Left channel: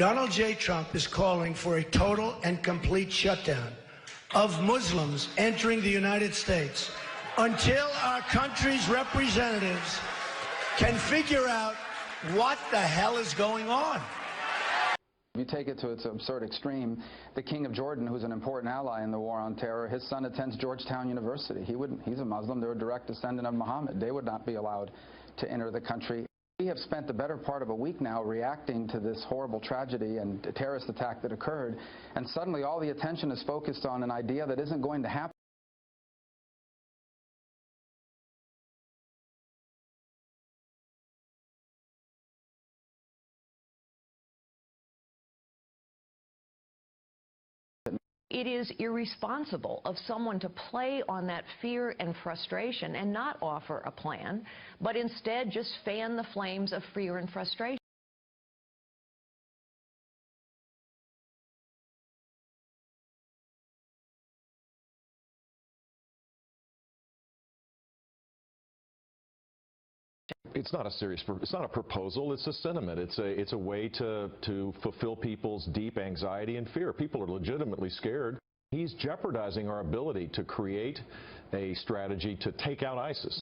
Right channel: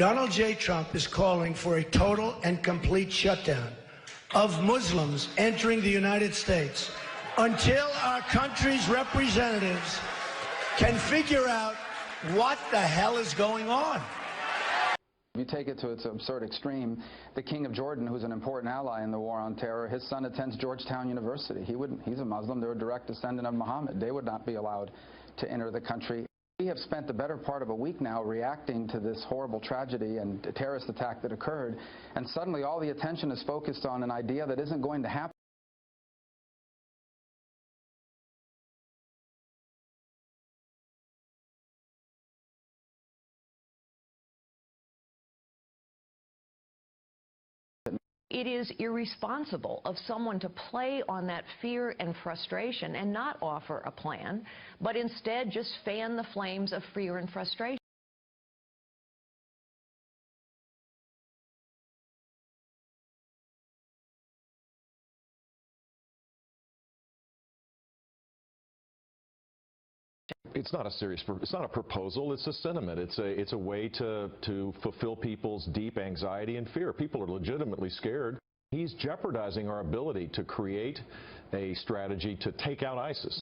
Donald J. Trump is calling for a total and complete shutdown of Muslims entering the United States until our country's representatives can figure out what the hell is going on. You take it to its absurd extreme, the King of Jordan, who's an important ally in the war on terror, his son attends Georgetown University. He's a Muslim. They're a direct descendant of Muhammad. They would not be allowed to enter the country. We have spent the better part of a week now reacting to this horrible tragedy and terrorist attack that occurred, and suddenly all the attention is focused on an idea that isn't going to happen. It is irresponsible of someone to play on that fear and frustration and not offer a plan, but instead just fan the flames of fear and frustration. It's not a proposal, it's a sentiment. It's a way to fulfill people's deep anxiety and fear. People are legitimately scared. He's jeopardizing our ability to create a strategy to take out ISIS.